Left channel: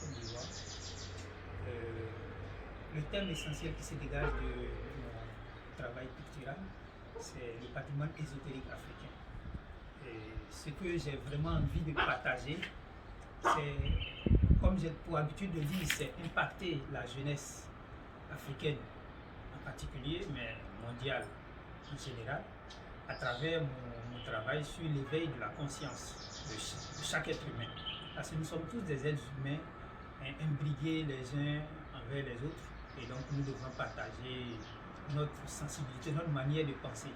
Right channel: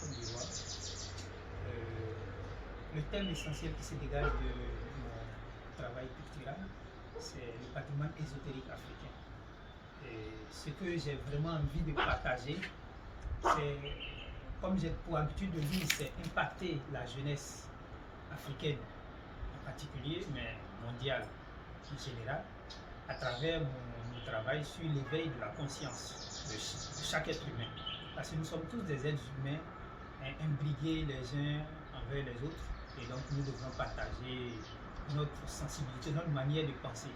Côte d'Ivoire. Le thème essentiel qui se dégage de mon travail pictural, c'est le patrimoine ésotérique africain. Et ce que j'ai vraiment envie de partager, c'est, comme j'ai pour habitude de dire, c'est impacter la jeunesse africaine en particulier, mais mondiale en général, à travers mon travail sur l'éveil de la conscience de chaque être humain. Parce que nous sommes tous des êtres humains imbriqués les uns envers les autres, et donc nous devons partager notre sensibilité, notre manière de penser.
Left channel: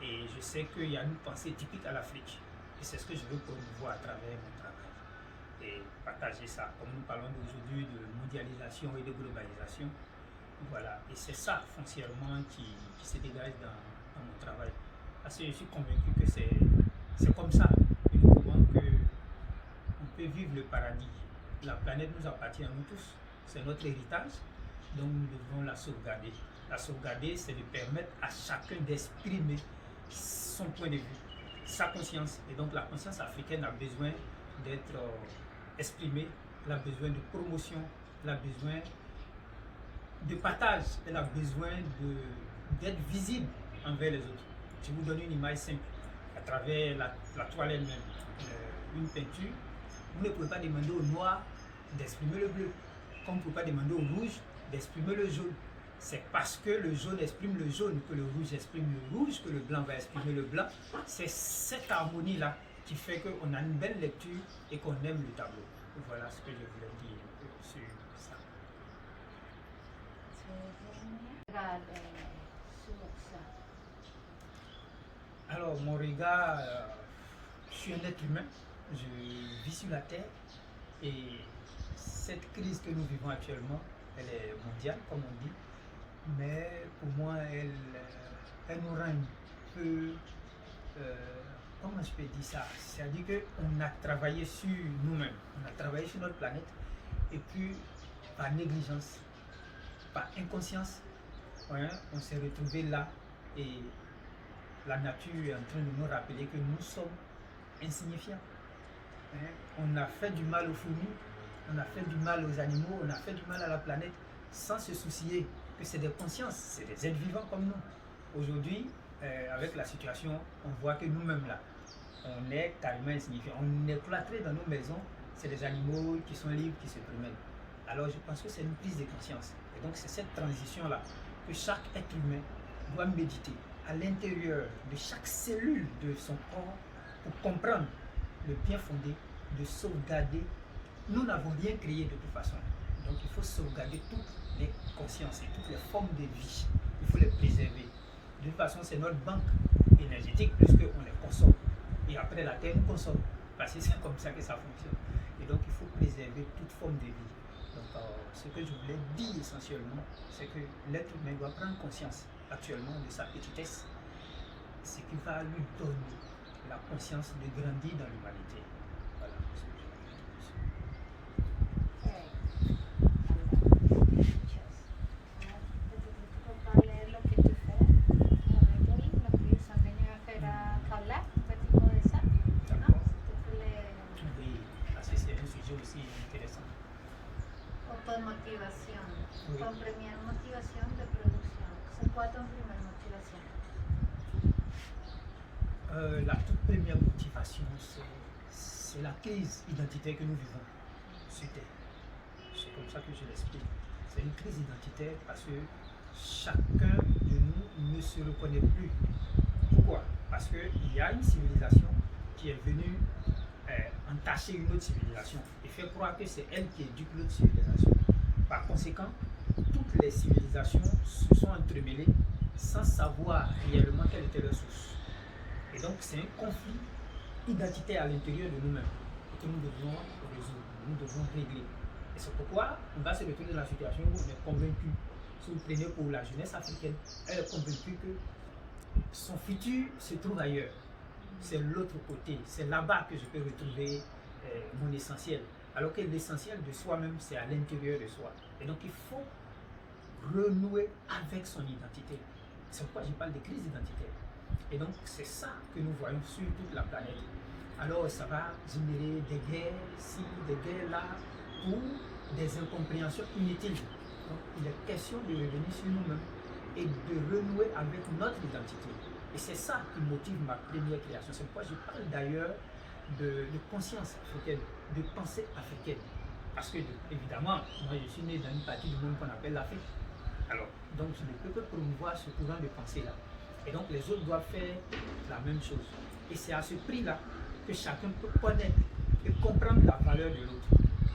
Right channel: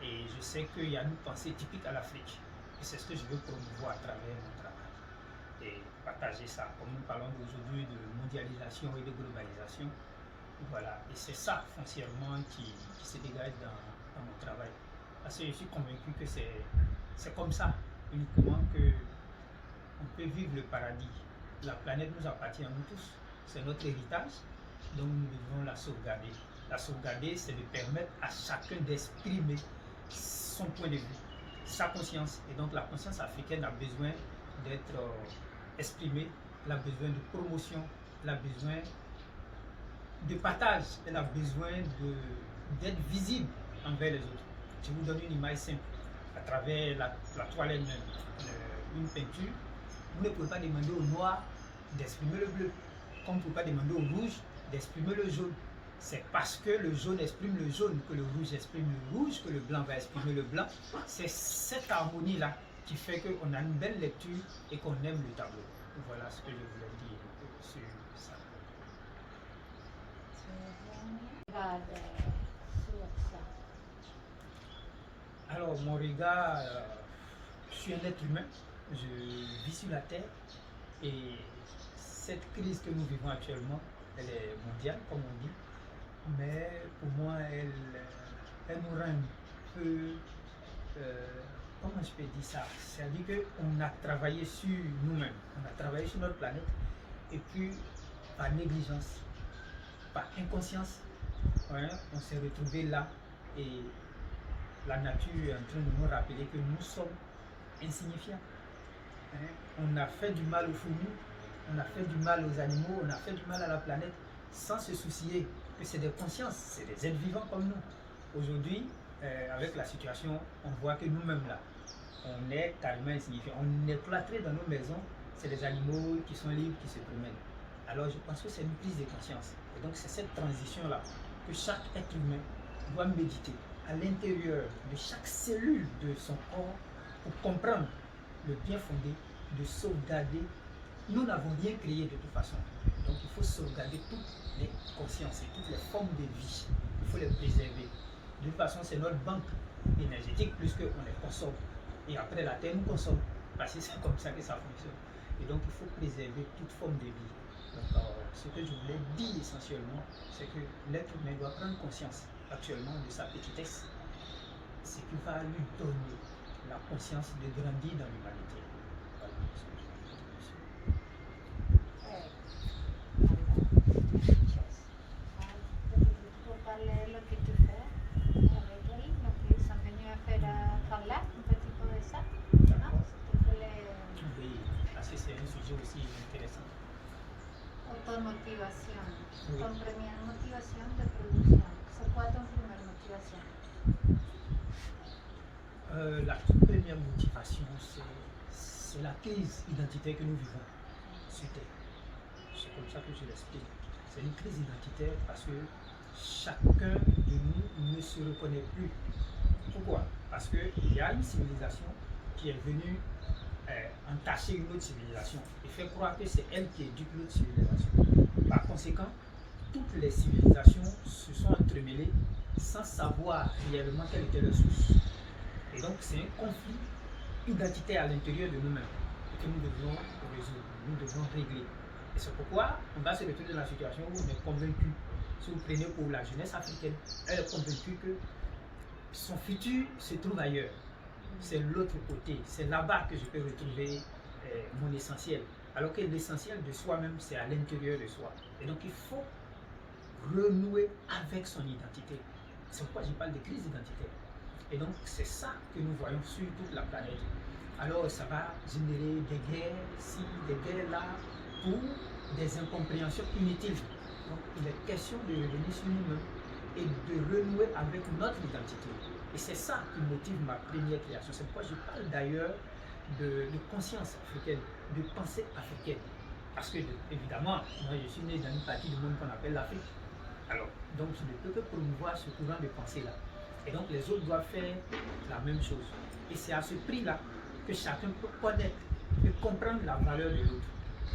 Et je sais qu'il y a une pensée typique à l'Afrique, et c'est ce que je veux promouvoir à travers mon travail. Et partager ça, comme nous parlons aujourd'hui de mondialisation et de globalisation, voilà, et c'est ça foncièrement qui se dégage dans mon travail. Parce que je suis convaincu que c'est comme ça uniquement qu'on peut vivre le paradis. La planète nous appartient à nous tous, c'est notre héritage, donc nous devons la sauvegarder. La sauvegarder, c'est de permettre à chacun d'exprimer son point de vue, sa conscience. Et donc la conscience africaine a besoin d'être exprimée, elle a besoin de promotion, elle a besoin de partage, elle a besoin d'être visible envers les autres. Je vous donne une image simple. À travers la toile elle-même, une peinture, vous ne pouvez pas demander au noir d'exprimer le bleu, comme vous ne pouvez pas demander au rouge d'exprimer le jaune. C'est parce que le jaune exprime le jaune, que le rouge exprime le rouge, que le blanc va exprimer le blanc. C'est cette harmonie-là qui fait qu'on a une belle lecture et qu'on aime le tableau. Voilà ce que je voulais dire sur ça. Alors, mon regard, je suis un être humain, je vis sur la Terre, et cette crise que nous vivons actuellement, elle est mondiale, comme on dit, mais pour moi, elle nous rend un peu, comment je peux dire ça? C'est-à-dire qu'on a travaillé sur nous-mêmes, on a travaillé sur notre planète, et puis par négligence, par inconscience, hein, on s'est retrouvé là, et la nature est en train de nous rappeler que nous sommes insignifiants. Hein? On a fait du mal aux fourmis, on a fait du mal aux animaux, on a fait du mal à la planète sans se soucier que c'est des consciences, c'est des êtres vivants comme nous. Aujourd'hui, avec la situation, on voit que nous-mêmes là, on est carrément insignifiants. On est cloîtrés dans nos maisons, c'est des animaux qui sont libres, qui se promènent. Alors je pense que c'est une prise de conscience. Et donc c'est cette transition-là que chaque être humain doit méditer à l'intérieur de chaque cellule de son corps pour comprendre le bien fondé de sauvegarder. Nous n'avons rien créé de toute façon. Donc il faut sauvegarder toutes les consciences et toutes les formes de vie. Il faut les préserver. De toute façon, c'est notre banque énergétique puisqu'on les consomme. Et après la Terre nous consomme. Parce que c'est comme ça que ça fonctionne. Et donc il faut préserver toute forme de vie. Donc ce que je voulais dire essentiellement, c'est que l'être humain doit prendre conscience actuellement de sa petitesse, ce qui va lui donner la conscience de grandir dans l'humanité. Voilà ce que je veux dire dessus. Pour parler lo que tu fais avec elle, lo que ils sont venus à faire à Kaolack, un petit peu de ça, D'accord. Oui, parce que c'est un sujet aussi intéressant. Automotivation. Oui. Ton première motivation de production. C'est quoi ton première motivation? La toute première motivation, c'est la crise identitaire que nous vivons sur Terre. C'est comme ça que je l'explique. C'est une crise identitaire parce que chacun de nous ne se reconnaît plus. Pourquoi? Parce qu'il y a une civilisation qui est venue entacher une autre civilisation et fait croire que c'est elle qui éduque l'autre civilisation. Par conséquent, toutes les civilisations se sont entremêlées sans savoir réellement quelle était leur source. Et donc c'est un conflit identitaire à l'intérieur de nous-mêmes et que nous devons résoudre, nous devons régler. Et c'est pourquoi on va se retrouver dans la situation où on est convaincu. Si vous prenez pour la jeunesse africaine, elle est convaincue que son futur se trouve ailleurs. C'est l'autre côté, c'est là-bas que je peux retrouver mon essentiel. Alors que l'essentiel de soi-même, c'est à l'intérieur de soi. Et donc il faut renouer avec son identité. C'est pourquoi je parle de crise identitaire. Et donc c'est ça que nous voyons sur toute la planète. Alors ça va générer des guerres ici, des guerres là, pour des incompréhensions inutiles. Donc il est question de revenir sur nous-mêmes et de renouer avec notre identité. Et c'est ça qui motive ma première création. C'est pourquoi je parle d'ailleurs de conscience africaine, de pensée africaine. Parce que, évidemment, moi je suis né dans une partie du monde qu'on appelle l'Afrique. Alors, donc je ne peux que promouvoir ce courant de pensée-là. Et donc les autres doivent faire la même chose. Et c'est à ce prix-là que chacun peut connaître et comprendre la valeur de l'autre.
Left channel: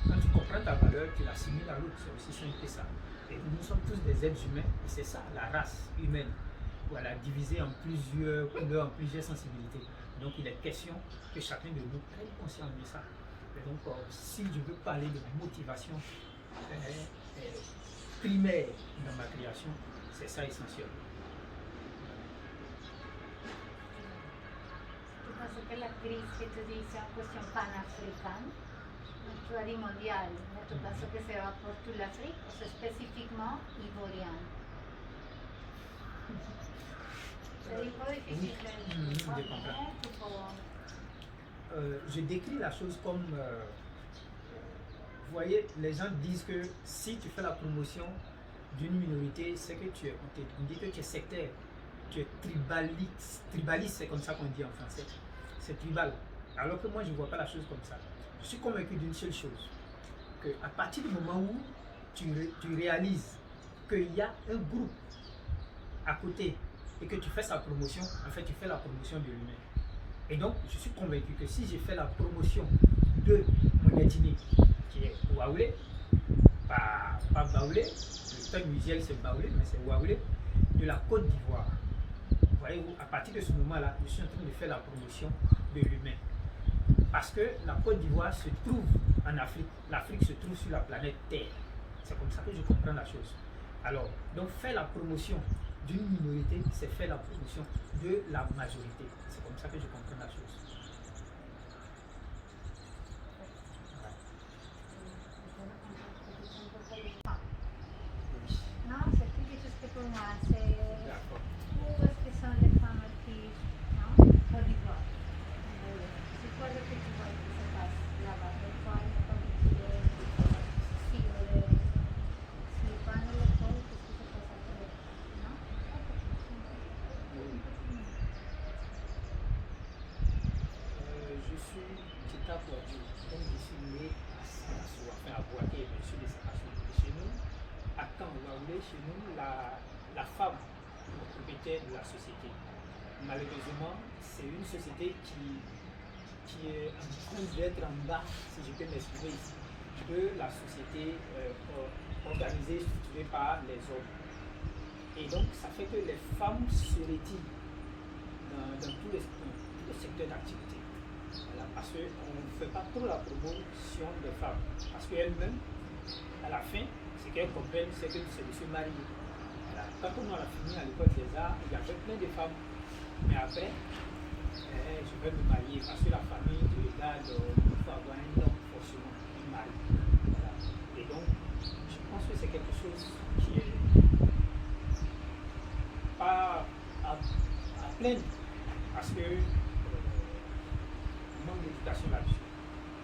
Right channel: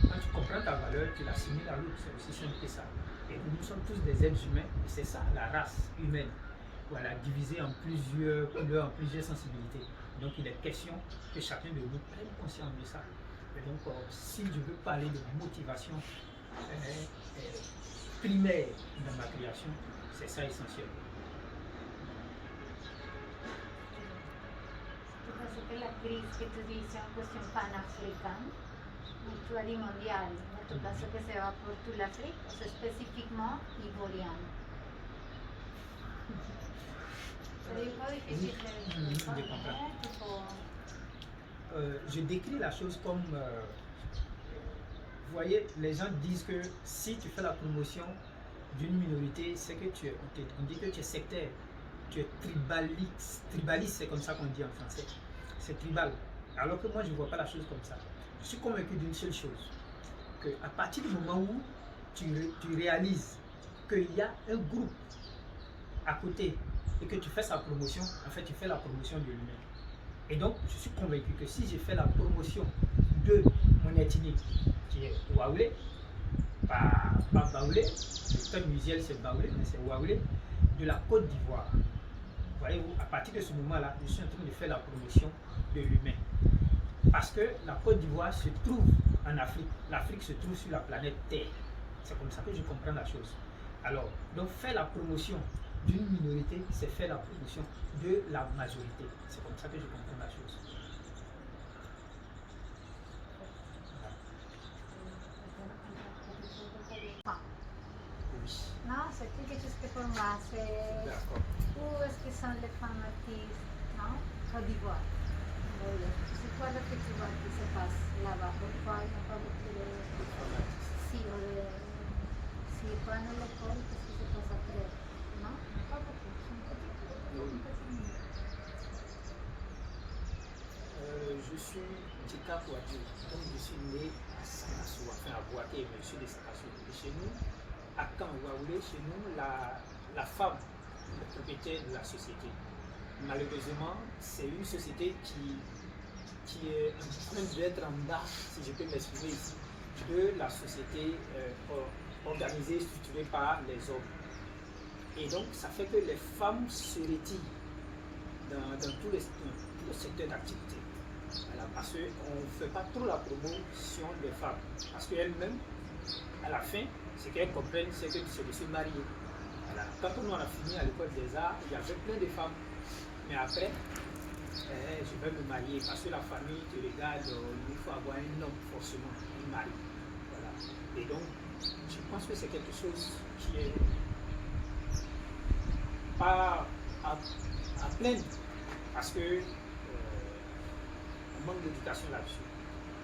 Quand tu comprends ta valeur, tu l'assimiles à l'autre. C'est aussi simple que ça. Et nous sommes tous des êtres humains, et c'est ça, la race humaine. Voilà, divisée en plusieurs couleurs, en plusieurs sensibilités. Donc il est question que chacun de nous prenne conscience de ça. Et donc, si je veux parler de motivation primaire dans ma création, c'est ça essentiel. Tu penses que la crise que tu dis c'est une question panafricaine, actuelle et mondiale, mais tu penses que se va pour toute l'Afrique, ou c'est spécifiquement ivoirienne? C'est un peu difficile de comprendre. Je décris la chose comme, vous voyez, les gens disent que si tu fais la promotion d'une minorité, c'est que on dit que tu es sectaire, tu es tribaliste, c'est comme ça qu'on dit en français, c'est tribal. Alors que moi je ne vois pas la chose comme ça. Je suis convaincu d'une seule chose, qu'à partir du moment où tu réalises qu'il y a un groupe à côté et que tu fais sa promotion, en fait tu fais la promotion de l'humain. Et donc, je suis convaincu que si j'ai fait la promotion de mon ethnie, qui est Waoulé, pas Baoulé, le terme usuel c'est Baoulé, mais c'est Waoulé, de la Côte d'Ivoire. Voyez-vous, à partir de ce moment-là, je suis en train de faire la promotion de l'humain. Parce que la Côte d'Ivoire se trouve en Afrique, l'Afrique se trouve sur la planète Terre. C'est comme ça que je comprends la chose. Alors, donc faire la promotion d'une minorité, c'est faire la promotion de la majorité. C'est comme ça que je comprends la chose. Non, c'est quelque chose que pour moi, c'est où est-ce que sont les femmes artistes, non? Côte d'Ivoire. C'est quoi le que tu vois qui se passe là-bas? Pourquoi il n'y a pas beaucoup de si prennent l'école, qu'est-ce qui se passe après? Non? Pas beaucoup. Je suis Djika Kouadjou, donc je suis né à Sakassou, enfin à Boaké, mais je suis de Sakassou. Et chez nous, à Kanwaoulé, chez nous, la femme est le propriétaire de la société. Malheureusement, c'est une société qui est en train d'être en bas, si je peux m'exprimer ici, de la société organisée, structurée par les hommes. Et donc, ça fait que les femmes se retirent dans tous les secteurs d'activité. Voilà, parce qu'on ne fait pas trop la promotion des femmes. Parce qu'elles-mêmes, à la fin, ce qu'elles comprennent, c'est que c'est de se marier. Voilà. Quand on a fini à l'école des arts, il y avait plein de femmes. Mais après, je vais me marier parce que la famille te regarde, il faut avoir un homme forcément, un mari. Voilà. Et donc, je pense que c'est quelque chose qui est pas à plaindre parce que on manque d'éducation là-dessus.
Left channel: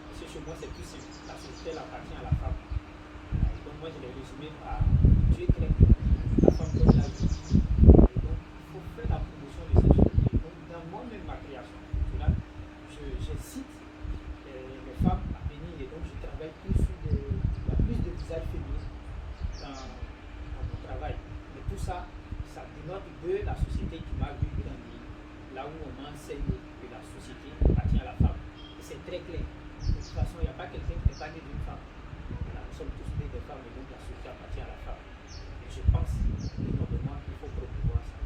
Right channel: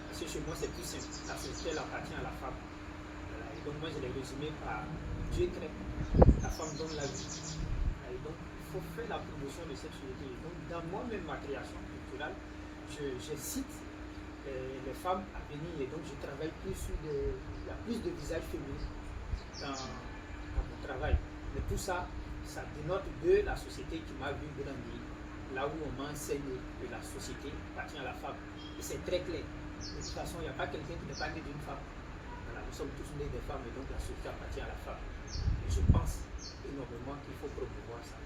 Parce que chez moi, c'est plus simple. La société elle appartient à la femme. Voilà. Et donc, moi, je l'ai résumé par Dieu crée la femme comme la vie. Et donc, il faut faire la promotion de cette chose. Donc, dans moi-même, ma création culturelle, je cite les femmes à venir. Et donc, je travaille plus sur il y a plus de visages féminins dans mon travail. Mais tout ça, ça dénote de la société qui m'a vu grandir. Là où on m'enseigne que la société appartient à la femme. Et c'est très clair. De toute façon, il n'y a pas quelqu'un qui n'est pas né d'une femme. Voilà, nous sommes tous nés des femmes et donc la société appartient à la femme. Et je pense énormément qu'il faut promouvoir ça.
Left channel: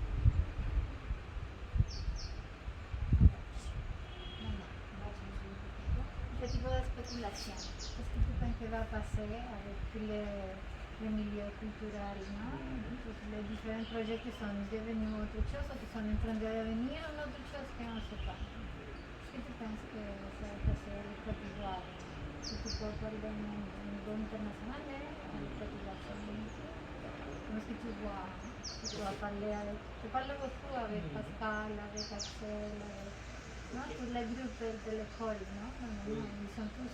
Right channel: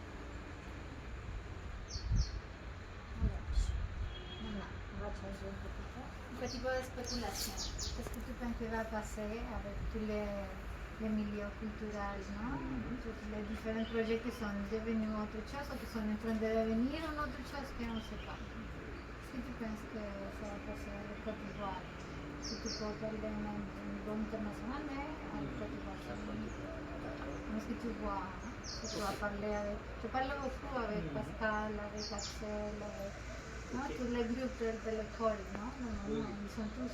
Un petit peu de spéculation. Qu'est-ce que tu penses que va passer avec tous les milieux culturels, non? Tous les différents projets qui sont devenus autre chose ou qui sont en train de devenir une autre chose qu'on ne sait pas. Qu'est-ce que tu penses que ça va passer avec Côte d'Ivoire? Si tu peux parler au niveau international, mais en Côte d'Ivoire, comment est-ce que tu vois? Tu vas parler avec... Tu parles beaucoup avec Pascal, avec Axel, avec... Non, tous les groupes de l'école, non? Ils sont tous